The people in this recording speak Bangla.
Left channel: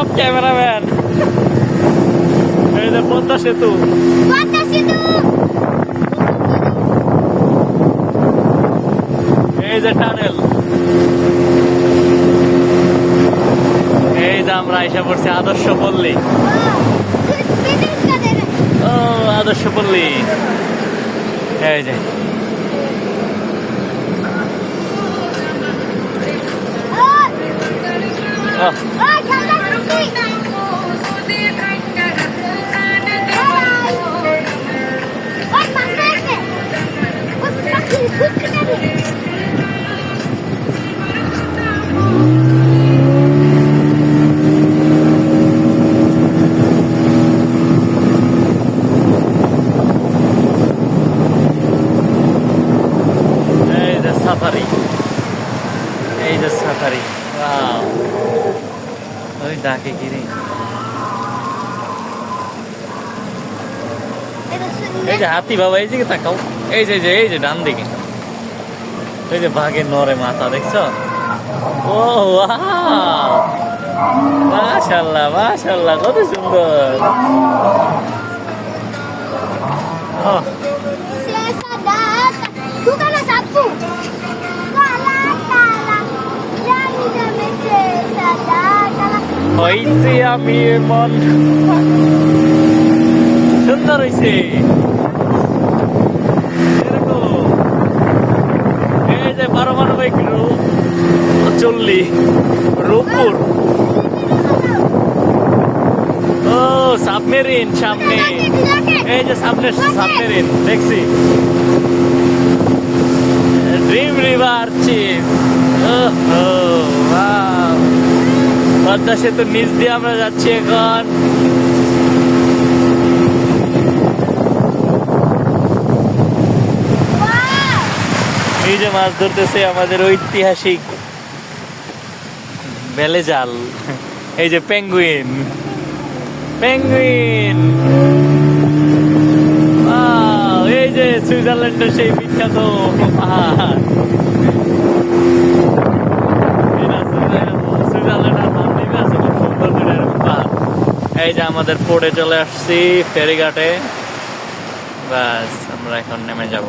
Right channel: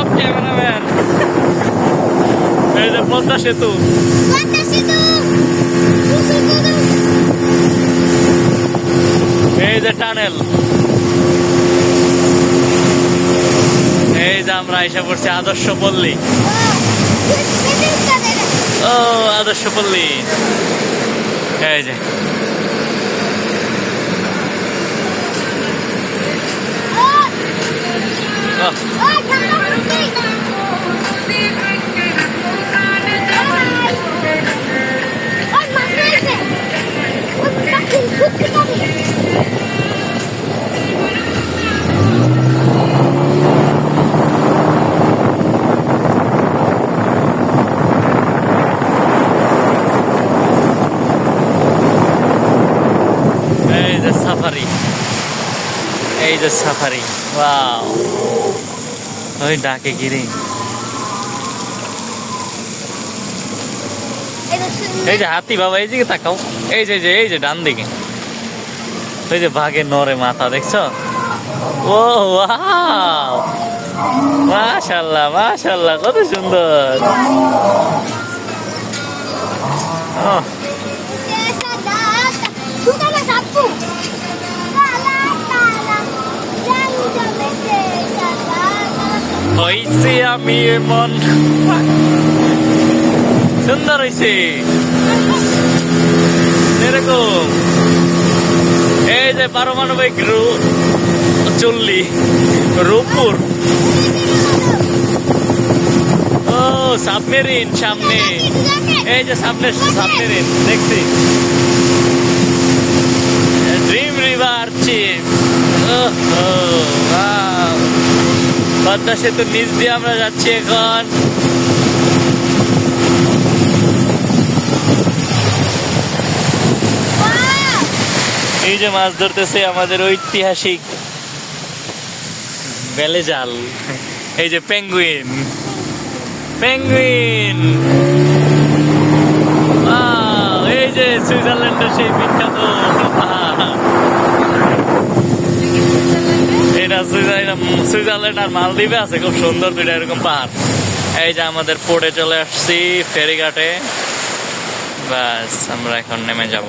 সব ক্যামেরাম্যান। এই যে পদ্মা সেতু। এই যে টানেল। এই যে আমরা এসে পড়ছি আদর্শ পল্লী। ও আদর্শ পল্লী। এই যে। সাফারি। এই যে সাফারি ওই ডাকে গিরে। এই যে হাতি বাবা এই দিকে তাকাও। এই যে এই যে ডান দিকে। ওই যে বাঘের নরে মাথা দেখছ? ও মাশাল্লাহ মাশাল্লাহ কত সুন্দর। হইছে আমি এমন। সুন্দর হয়েছে এরকম এই যে পারমাণবিক রু চল্লি, রূপপুর। ও, সাবমেরিন সামনে। এই যে সামনে, সাবমেরিন, দেখছি। Dream river, cheese. পদ্মা সেতুর নিচ দিয়ে আমরা যাচ্ছি এখন। এই যে মাছ ধরতেছে আমাদের ঐতিহাসিক বেলে জাল এই যে পেঙ্গুইন। পেঙ্গুইন। এই যে সুইজারল্যান্ডের সেই বিখ্যাত পাহাড় এটা সুইজারল্যান্ড আর মালদ্বীপে আছে, খুব সুন্দর দুইটা এরকম পাহাড়। এই যে আমাদের পোর্টে চলে আসছি ফেরিঘাটে। ব্যাস, আমরা এখন নেমে যাব।